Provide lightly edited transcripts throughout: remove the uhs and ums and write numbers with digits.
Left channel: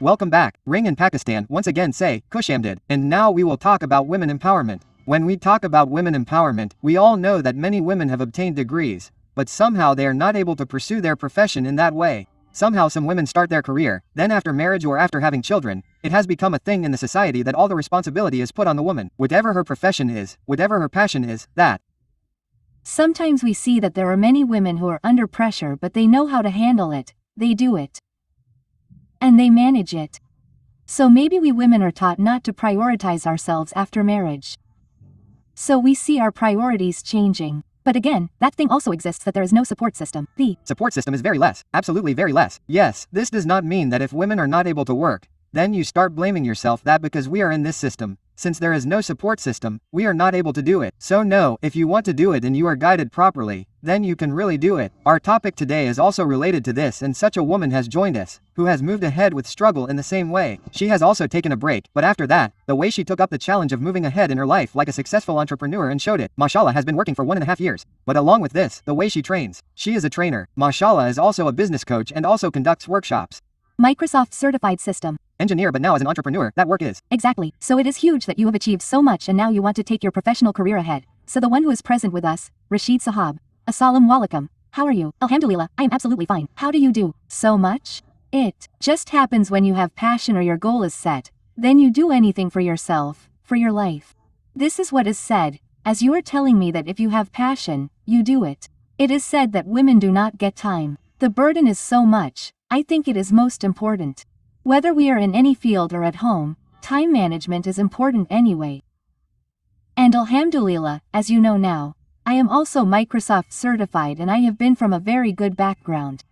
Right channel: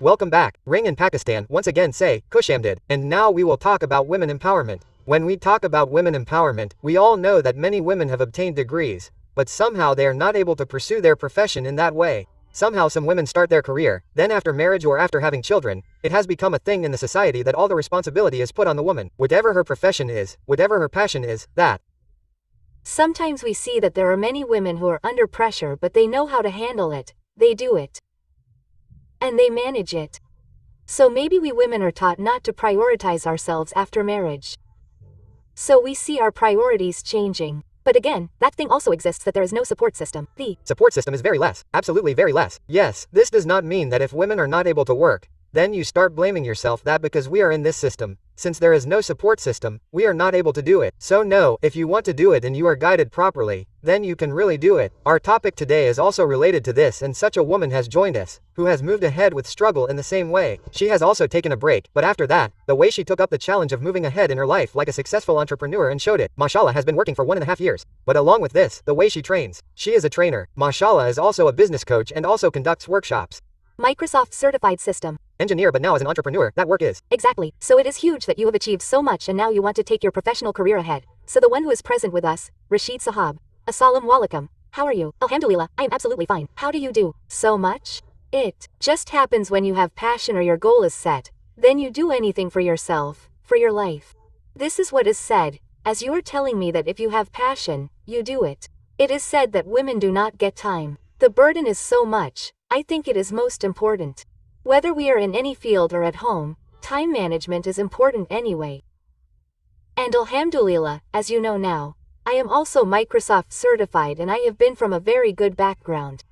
Welcome back. Ring in Pakistan once again say, Kushamdid. And now we will talk about women empowerment. When we talk about women empowerment, we all know that many women have obtained degrees, but somehow they are not able to pursue their profession in that way. Somehow some women start their career, then after marriage or after having children, it has become a thing in the society that all the responsibility is put on the woman. Whatever her profession is, whatever her passion is, that. Sometimes we see that there are many women who are under pressure but they know how to handle it, they do it. And they manage it. So maybe we women are taught not to prioritize ourselves after marriage. So we see our priorities changing. But again, that thing also exists that there is no support system. The support system is very less, absolutely very less. Yes, this does not mean that if women are not able to work, then you start blaming yourself that because we are in this system. Since there is no support system, we are not able to do it. So no, if you want to do it and you are guided properly, then you can really do it. Our topic today is also related to this, and such a woman has joined us, who has moved ahead with struggle in the same way. She has also taken a break, but after that, the way she took up the challenge of moving ahead in her life like a successful entrepreneur and showed it. Mashallah has been working for 1.5 years. But along with this, the way she trains. She is a trainer. Mashallah is also a business coach and also conducts workshops. Microsoft certified system. Engineer, but now as an entrepreneur, that work is. Exactly. So it is huge that you have achieved so much and now you want to take your professional career ahead. So the one who is present with us, Rashid Sahab. Assalamu alaikum. How are you? Alhamdulillah, I am absolutely fine. How do you do so much? It just happens when you have passion or your goal is set. Then you do anything for yourself, for your life. This is what is said, as you are telling me that if you have passion, you do it. It is said that women do not get time. The burden is so much. I think it is most important. Whether we are in any field or at home, time management is important anyway. And alhamdulillah, as you know now, I am also Microsoft certified and I have been from a very good background.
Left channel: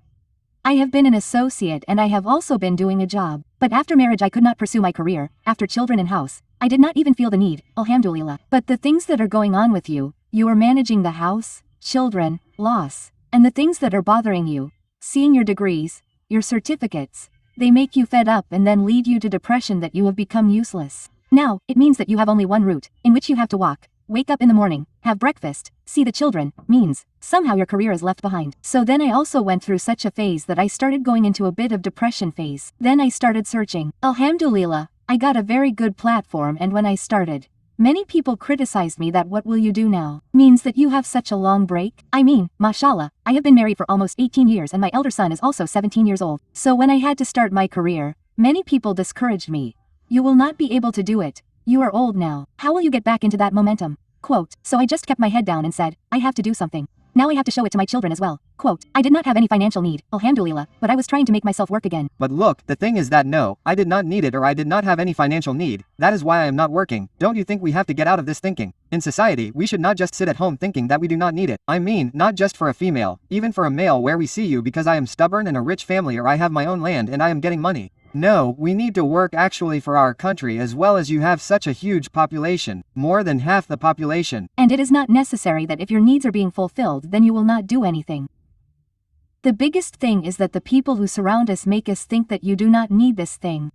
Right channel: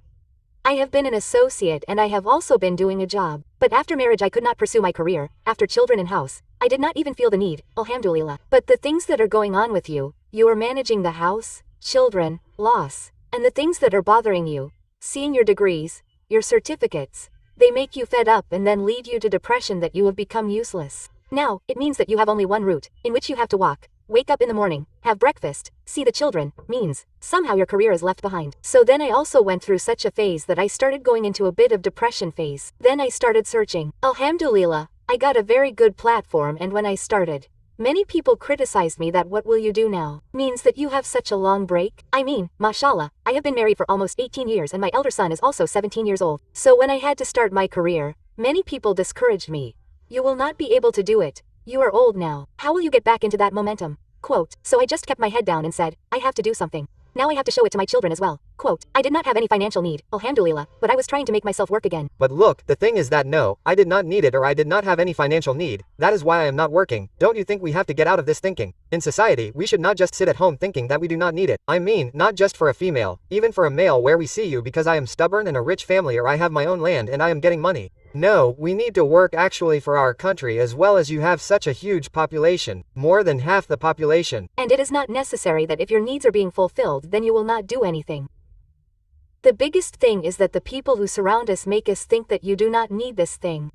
I have been an associate and I have also been doing a job. But after marriage I could not pursue my career, after children and house, I did not even feel the need, alhamdulillah. But the things that are going on with you, you are managing the house, children, loss, and the things that are bothering you, seeing your degrees, your certificates, they make you fed up and then lead you to depression that you have become useless. Now, it means that you have only one route, in which you have to walk, wake up in the morning, have breakfast, see the children, means, somehow your career is left behind. So then I also went through such a phase that I started going into a bit of depression phase. Then I started searching. Alhamdulillah, I got a very good platform and when I started, many people criticized me that what will you do now? Means that you have such a long break? I mean, mashallah, I have been married for almost 18 years and my elder son is also 17 years old. So when I had to start my career, many people discouraged me. You will not be able to do it. You are old now. How will you get back into that momentum? Quote, so I just kept my head down and said, I have to do something. Now I have to show it to my children as well. Quote, I did not have any financial need, alhamdulillah, but I was trying to make myself work again. But look, the thing is that no, I did not need it or I did not have any financial need. That is why I am not working. Don't you think we have to get out of this thinking? In society, we should not just sit at home thinking that we do not need it. I mean, not just for a female, even for a male where we see you because I am stubborn and a rich family or I have my own land and I am getting money. No, we need to work actually for our country as well as you have such a huge population, more than half the population. And it is not necessary that if your needs are being fulfilled then you will not do anything. The biggest thing is that the people who surround us make us think that you do not need this thing.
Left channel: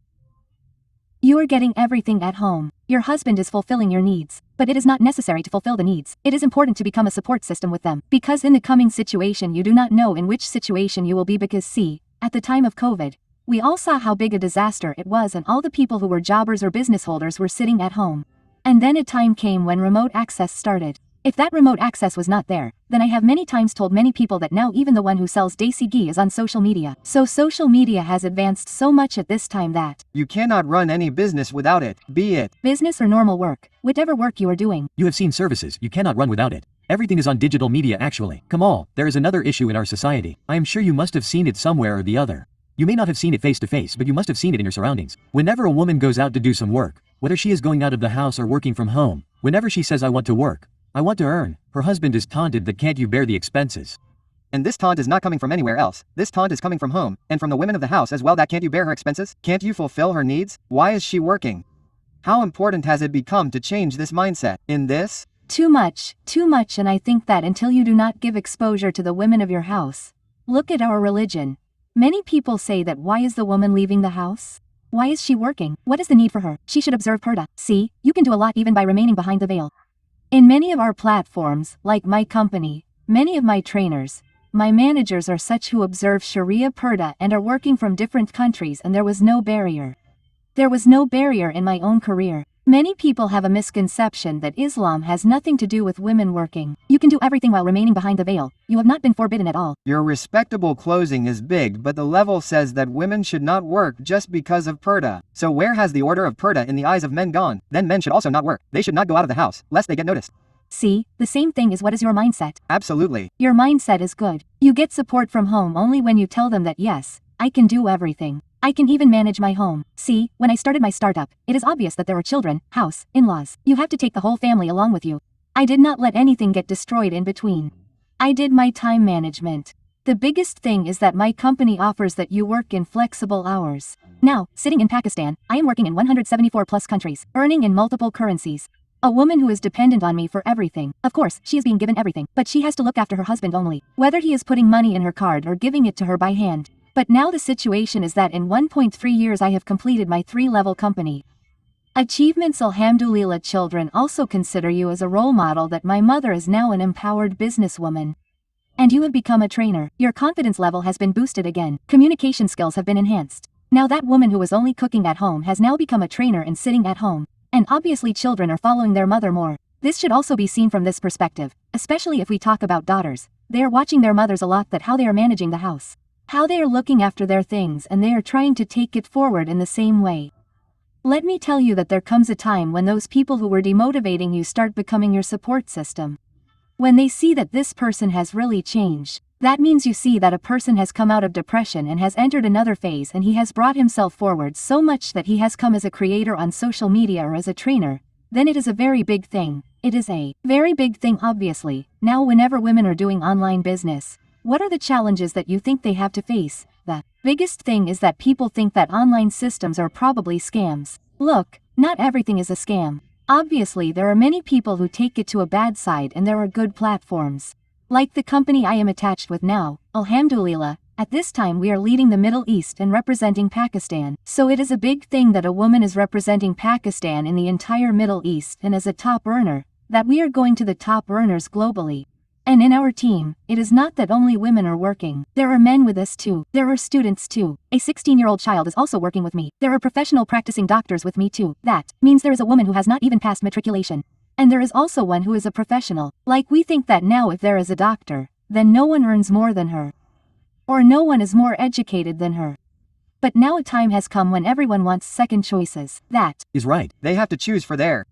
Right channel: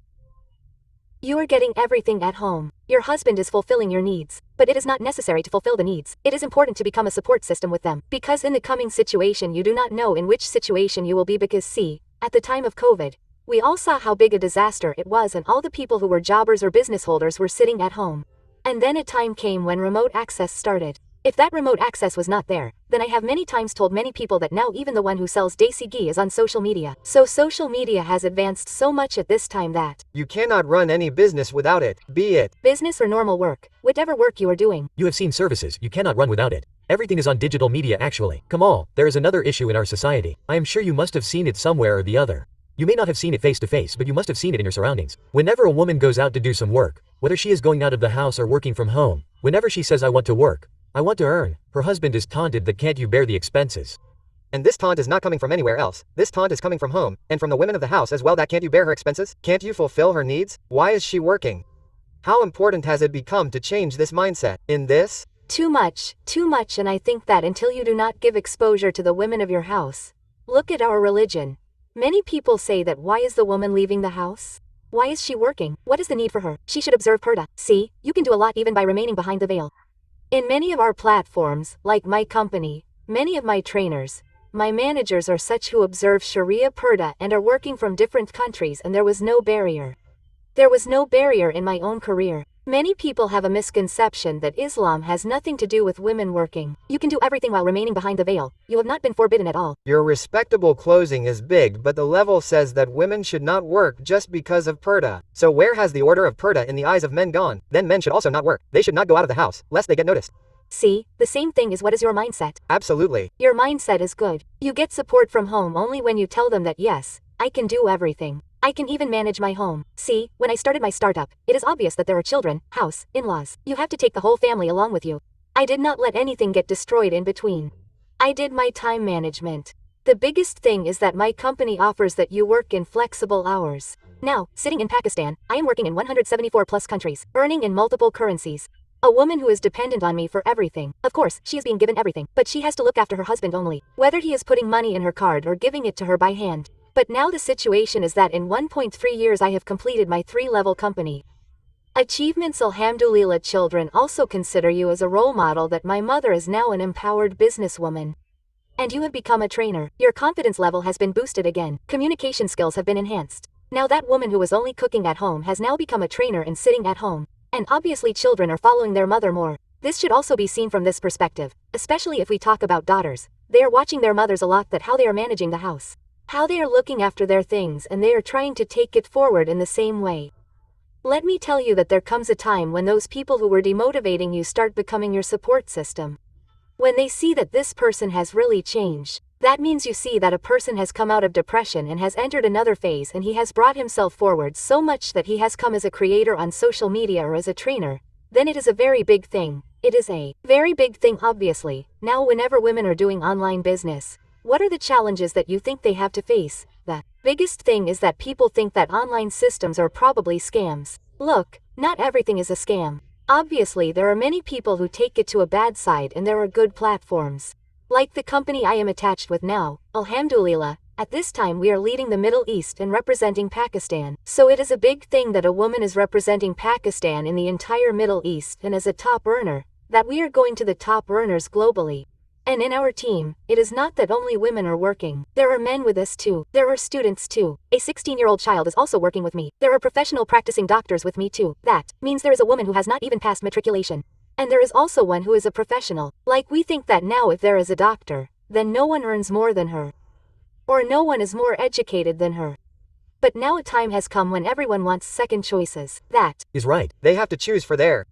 You are getting everything at home. Your husband is fulfilling your needs, but it is not necessary to fulfill the needs. It is important to become a support system with them. Because in the coming situation you do not know in which situation you will be because see, at the time of COVID, we all saw how big a disaster it was and all the people who were jobbers or business holders were sitting at home. And then a time came when remote access started. If that remote access was not there, then I have many times told many people that now even the one who sells Desi ghee is on social media. So social media has advanced so much at this time that you cannot run any business without it, be it business or normal work, whatever work you are doing. You have seen services, you cannot run without it. Everything is on digital media actually. Kamal, there is another issue in our society. I am sure you must have seen it somewhere or the other. You may not have seen it face to face, but you must have seen it in your surroundings. Whenever a woman goes out to do some work, whether she is going out of the house or working from home, whenever she says I want to work, I want to earn, her husband is taunted that can't you bear the expenses. And this taunt is not coming from anywhere else. This taunt is coming from home, and from the women of the house as well that can't you bear her expenses? Can't you fulfill her needs? Why is she working? How important has it become to change this mindset? In this? Too much, and I think that until you do not give exposure to the women of your house. Look at our religion. Many people say that why is the woman leaving the house? Why is she working? What is the need for her? She should observe purdah. See, you can do a lot even by remaining behind the veil. In many of our platforms, like my company, many of my trainers, my managers are such who observe Sharia Purdah and are working from different countries, and there was no barrier. There was no barrier in my own career. Many people have a misconception that Islam has nothing to do with women working. You can do everything while remaining behind the veil. You have not been forbidden at all. Your respectable closing is big, but the level says that women should not work just because of purdah. So where has the order of purdah in the eyes of men gone? Then men should also not work. They should not go out of the house, lest they get noticed. See, the same thing is what is your mindset. Absolutely. Your mindset is good. You get support from home only when you tell them that yes, I can do everything. I can even manage my home. See, when I started my startup, it is obvious that there were children, house, in-laws. You have to take the whole family along with you. I did not let anything get destroyed in between. I did my time management. The biggest thing is that my company offers that you work in flexible hours. Now, sitting in Pakistan, I am working in 174 plus countries, earning in multiple currencies. A woman who is dependent on me for everything. Of course, she is being given everything, but she has to look after her husband only, whether he is putting money in her card or giving it to her by hand. But now the situation is that in 1.3 years I have completed my 3-level company. Achievements. Alhamdulillah. Children also consider you as a role model that my mother is now an empowered businesswoman. And you have become a trainer. Your confidence level has been boosted again. Communication skills have been enhanced. Now that woman who was only cooking at home has now become a trainer and sitting at home. And obviously children are following their mother more. This should also be seen from this perspective, especially if we talk about daughters. They are watching their mothers a lot, that how they are managing the house, how they are looking after their things, and they are trying to take it forward in the same way. Let me tell you that there comes a time when those people who were demotivating you start becoming your support system. When they see that this person has really changed, that means you see that a person has come out of depression and has entered another phase, and he has brought himself forward so much that he has come as a creator on social media or as a trainer, then it is a very big thing. It is a very big thing, obviously. Now whenever women are doing online business, what are the challenges that you think they have to face? The biggest thing is that people think that online systems are probably scams. Look, not everything is a scam. Obviously there are many people who take it to a bad side, and there are good platforms. Like the company I am attached with now, Alhamdulillah, at this time we are leading the Middle East and representing Pakistan. So it is a big thing that a woman is representing Pakistan in the entire Middle East, and as a top earner, that we are going to the top earners globally. And in our team, it is not that only women are working. There are men with us too. There are students too. A 16-year-old child is also working with me. There are professional practicing doctors with me too. That means there is a woman who has not even passed matriculation. And there is also one who is a professional. Like, we think that now if there is a doctor, then no one earns more than her. Or no one is more educated than her. But now a time has come when everyone wants second choices. That is right. They have to choose for their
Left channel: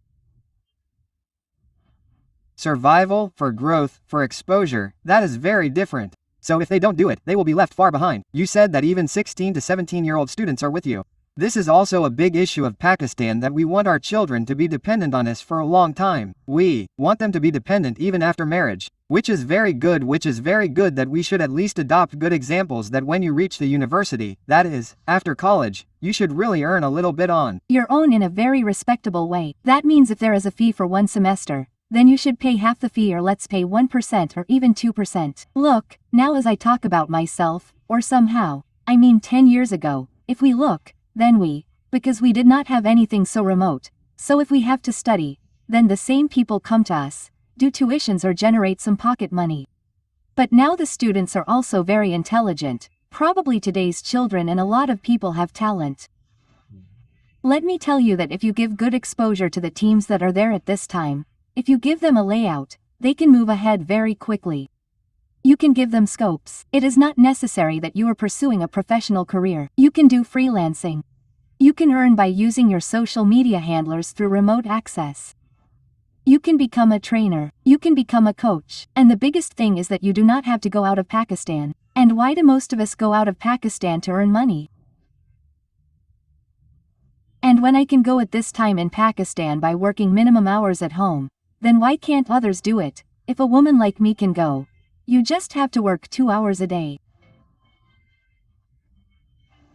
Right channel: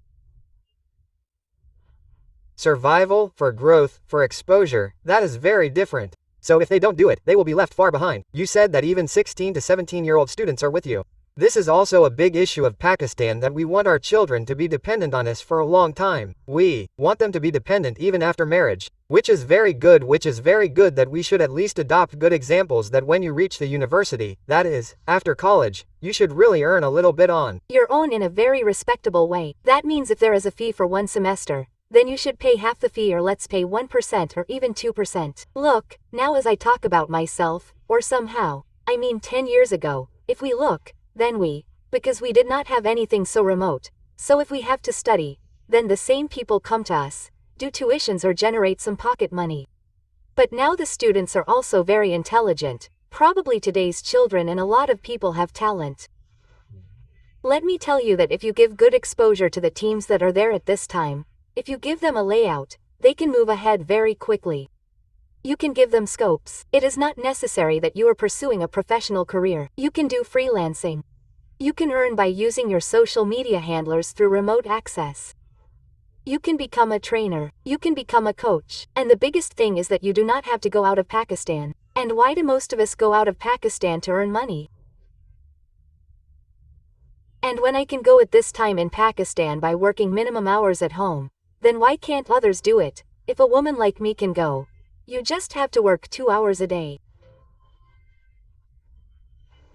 survival, for growth, for exposure. That is very different. So if they don't do it, they will be left far behind. You said that even 16 to 17-year-old students are with you. This is also a big issue of Pakistan, that we want our children to be dependent on us for a long time. We want them to be dependent even after marriage, which is very good, that we should at least adopt good examples, that when you reach the university, that is, after college, you should really earn a little bit on your own in a very respectable way. That means if there is a fee for one semester, then you should pay half the fee, or let's pay 1% or even 2%. Look, now as I talk about myself, or somehow, I mean 10 years ago, if we look, then because we did not have anything so remote, so if we have to study, then the same people come to us, do tuitions or generate some pocket money. But now the students are also very intelligent, probably today's children, and a lot of people have talent. Let me tell you that if you give good exposure to the teams that are there at this time, if you give them a layout, they can move ahead very quickly. You can give them scopes. It is not necessary that you are pursuing a professional career. You can do freelancing. You can earn by using your social media handlers through remote access. You can become a trainer. You can become a coach. And the biggest thing is that you do not have to go out of Pakistan. And why do most of us go out of Pakistan to earn money? And when I can go at this time in Pakistan by working minimum hours at home, then why can't others do it? If a woman like me can go, you just have to work 2 hours a day.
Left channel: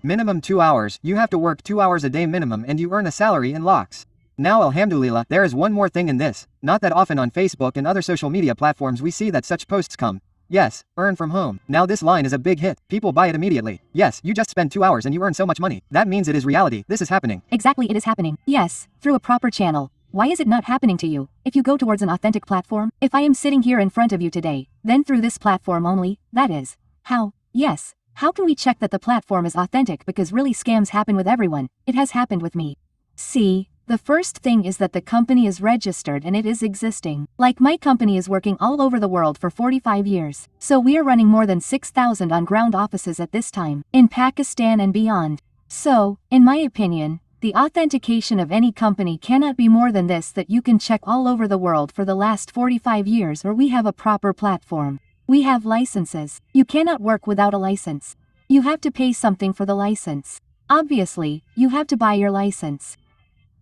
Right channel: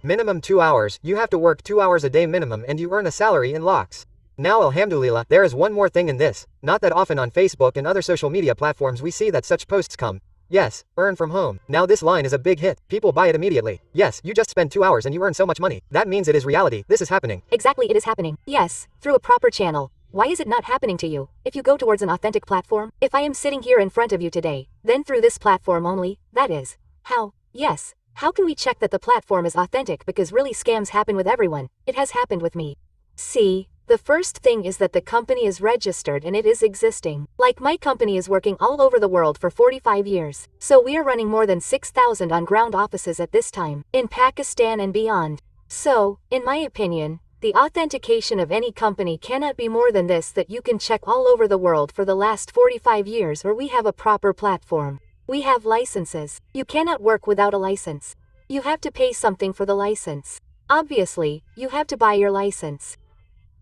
Minimum 2 hours, you have to work 2 hours a day minimum, and you earn a salary in lakhs. Now alhamdulillah, there is one more thing in this. Not that often on Facebook and other social media platforms we see that such posts come. Yes, earn from home. Now this line is a big hit. People buy it immediately. Yes, you just spend 2 hours and you earn so much money. That means it is reality. This is happening. Exactly, it is happening. Yes, through a proper channel. Why is it not happening to you? If you go towards an authentic platform, if I am sitting here in front of you today, then through this platform only, that is. How? Yes. How can we check that the platform is authentic, because really scams happen with everyone? It has happened with me. See, the first thing is that the company is registered and it is existing. Like my company is working all over the world for 45 years. So we are running more than 6,000 on-ground offices at this time, in Pakistan and beyond. So, in my opinion, the authentication of any company cannot be more than this, that you can check all over the world for the last 45 years, or we have a proper platform. We have licenses. You cannot work without a license. You have to pay something for the license. Obviously, you have to buy your license.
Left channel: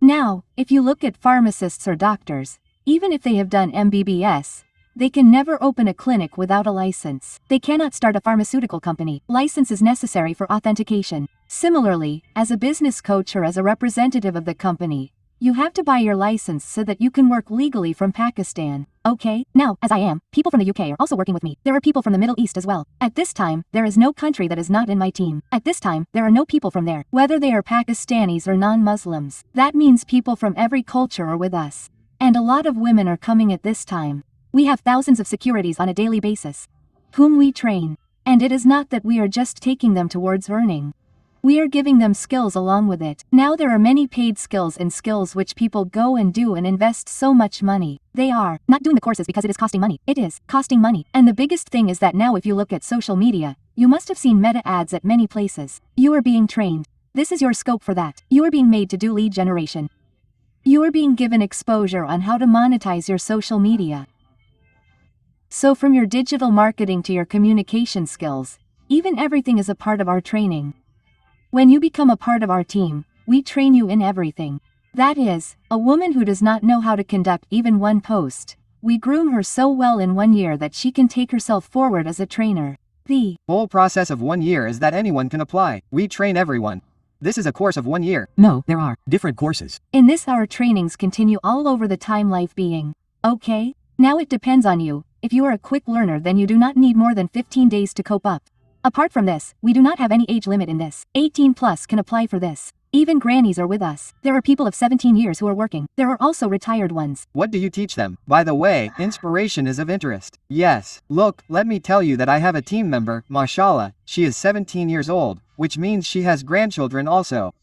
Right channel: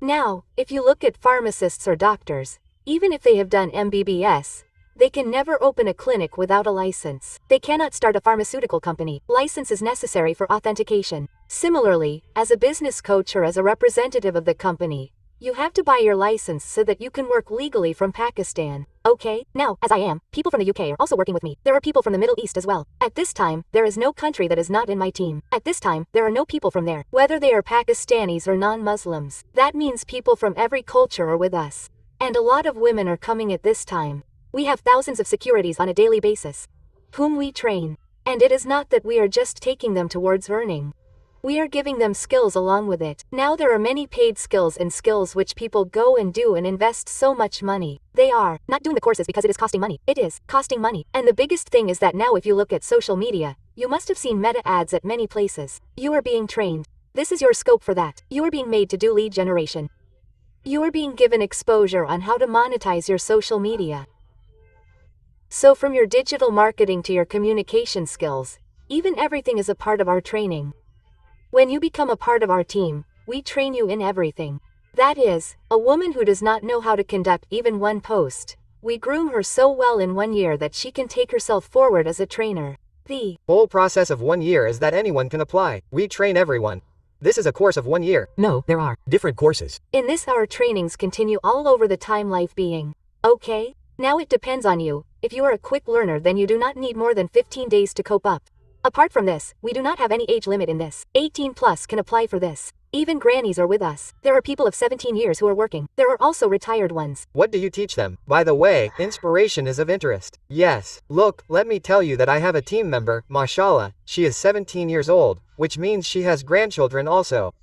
Now, if you look at pharmacists or doctors, even if they have done MBBS, they can never open a clinic without a license. They cannot start a pharmaceutical company. License is necessary for authentication. Similarly, as a business coach or as a representative of the company, you have to buy your license so that you can work legally from Pakistan. Okay? Now, as I am, people from the UK are also working with me. There are people from the Middle East as well. At this time, there is no country that is not in my team. At this time, there are no people from there, whether they are Pakistanis or non-Muslims. That means people from every culture are with us. And a lot of women are coming at this time. We have thousands of securities on a daily basis, whom we train. And it is not that we are just taking them towards earning. We are giving them skills along with it. Now there are many paid skills and skills which people go and do and invest so much money. They are not doing the courses because it is costing money. It is costing money. And the biggest thing is that now if you look at social media, you must have seen meta ads at many places. You are being trained. This is your scope for that. You are being made to do lead generation. You are being given exposure on how to monetize your social media. So from your digital marketing to your communication skills, even everything is a part of our training. When you become a part of our team, we train you in everything. That is, a woman who does not know how to conduct even one post, we groom her so well in 1 year that she can take herself forward as a trainer. The whole process of 1 year is that anyone can apply. We train everyone. This is a course of 1 year. No, there are different courses. In this, our trainings continue all over the time life being. Okay? Now it depends on you. If you are a quick learner, then you do not need more than 15 days to cope up. Apart from this, we do not have any age limit in this. 18 plus can apply for this. Even grannies are with us. There are people of 17 years who are working. There are also retired ones. What do you teach them? By the way, inspiration is of interest. Yes. Look, let me tell you that I have a team member, mashallah. She is 17 years old, which means she has grandchildren also.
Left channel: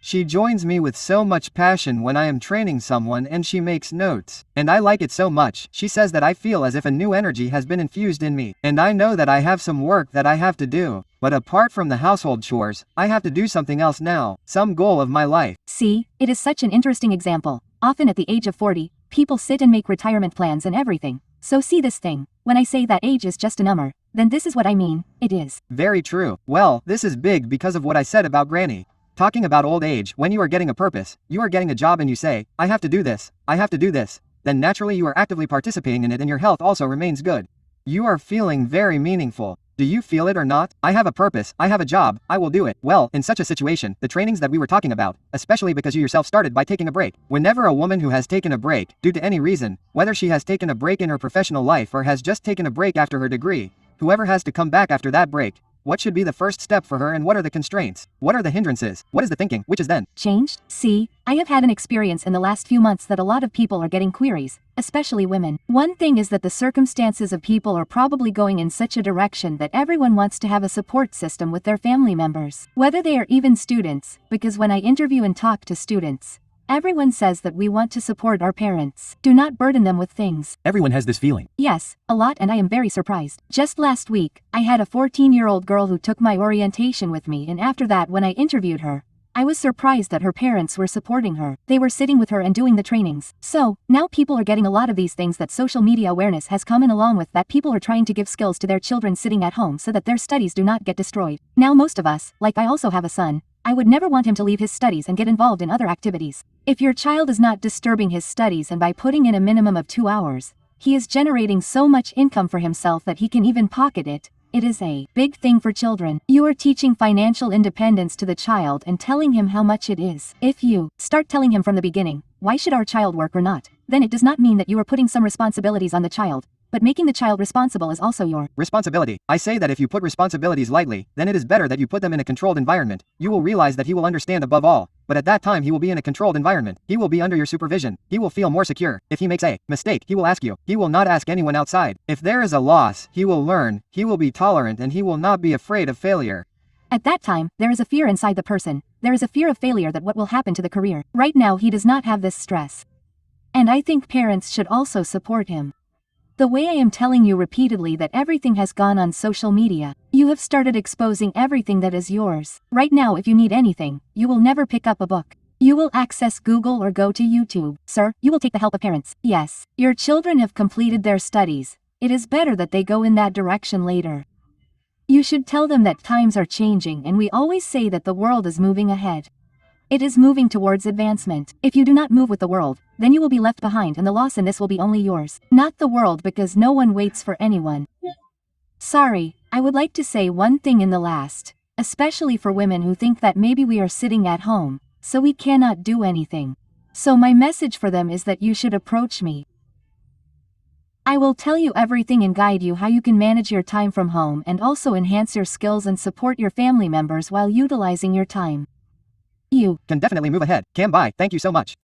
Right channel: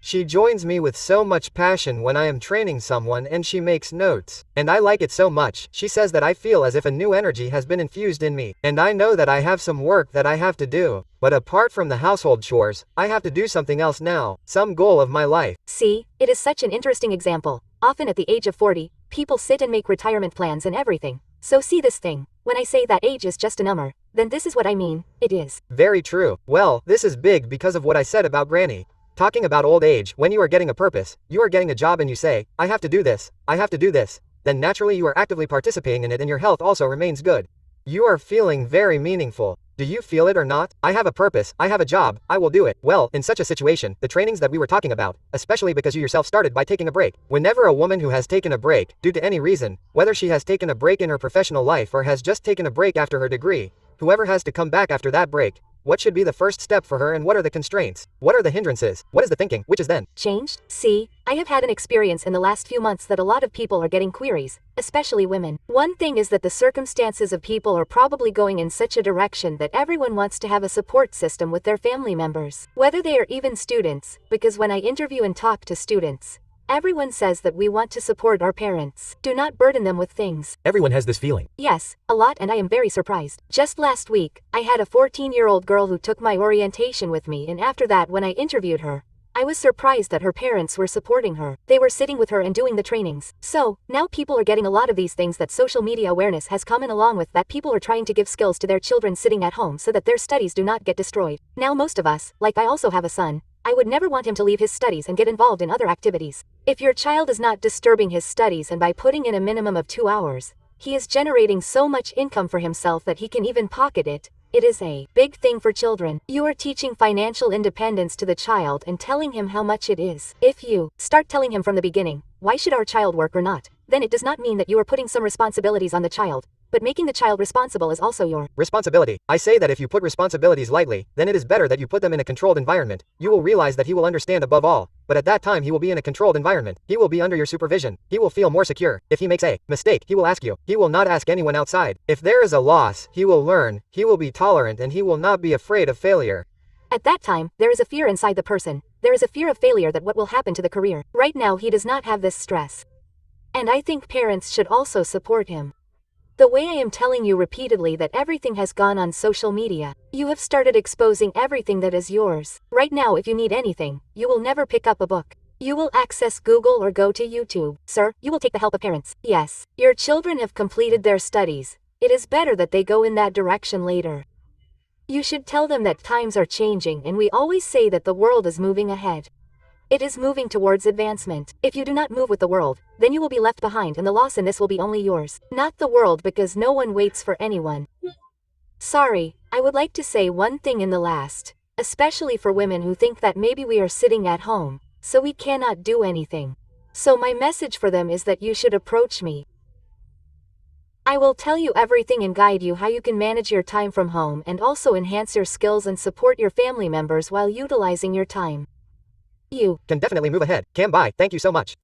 She joins me with so much passion when I am training someone, and she makes notes. And I like it so much. She says that I feel as if a new energy has been infused in me. And I know that I have some work that I have to do. But apart from the household chores, I have to do something else now. Some goal of my life. See, it is such an interesting example. Often at the age of 40, people sit and make retirement plans and everything. So see this thing. When I say that age is just a number, then this is what I mean. It is. Very true. Well, this is big because of what I said about Granny. Talking about old age, when you are getting a purpose, you are getting a job and you say, I have to do this, I have to do this, then naturally you are actively participating in it and your health also remains good. You are feeling very meaningful. Do you feel it or not? I have a purpose, I have a job, I will do it. Well, in such a situation, the trainings that we were talking about, especially because you yourself started by taking a break. Whenever a woman who has taken a break, due to any reason, whether she has taken a break in her professional life or has just taken a break after her degree, whoever has to come back after that break, what should be the first step for her and what are the constraints? What are the hindrances? What is the thinking? Which is then changed? See, I have had an experience in the last few months that a lot of people are getting queries, especially women. One thing is that the circumstances of people are probably going in such a direction that everyone wants to have a support system with their family members, whether they are even students, because when I interview and talk to students, everyone says that we want to support our parents. Do not burden them with things. Everyone has this feeling. Yes, a lot, and I am very surprised. Just last week, I had a 14-year-old girl who took my orientation with me, and after that when I interviewed her, I was surprised that her parents were supporting her. They were sitting with her and doing the trainings. So, now people are getting a lot of these things that social media awareness has come in along with, that people are trying to give skills to their children sitting at home so that their studies do not get destroyed. Now most of us, like I also have a son, I would never want him to leave his studies and get involved in other activities. If your child is not disturbing his studies and by putting in a minimum of 2 hours, he is generating so much income for himself that he can even pocket it. It is a big thing for children. You are teaching financial independence to the child and telling him how much it is. If you start telling him from the beginning, why should our child work or not? Then it does not mean that you are putting some responsibilities on the child. but making the child responsible is also your responsibility. I say that if you put responsibilities lightly, then it is better that you put them in a controlled environment. You will realize that he will understand above all, but at that time he will be in a controlled environment. He will be under your supervision. He will feel more secure. If he makes a mistake, he will ask you. He will not ask anyone outside. If there is a loss, he will learn. He will be tolerant and he will not be afraid of failure. At that time, there is a fear inside the person. There is a fear of failure that what will happen to the career. Right now he does not have this stress. And I think parents should also support him. The way I am telling you repeatedly that everything has gone on social media, you have started exposing everything that is yours. Right now if you need anything, you will never pick up a book. You will access Google or go to YouTube. Sir, you will take the help of parents. Yes, your children have completed their studies. It is better that they go in that direction later. You should tell them that times are changing and we always say that the world is moving ahead. It is moving towards advancement. If you do not move with the world, then you will be left behind and the loss in this will be only yours, not the world, because no one waits for anyone. Sorry, I would like to say one thing in the last, especially for women who think that maybe we are sitting at home, so we cannot do anything. So my message for them is that you should approach me. I will tell you everything and guide you how you can manage your time from home and also enhance your skills and support your family members while utilizing your time. You can definitely move ahead. Cam, bye. Thank you so much.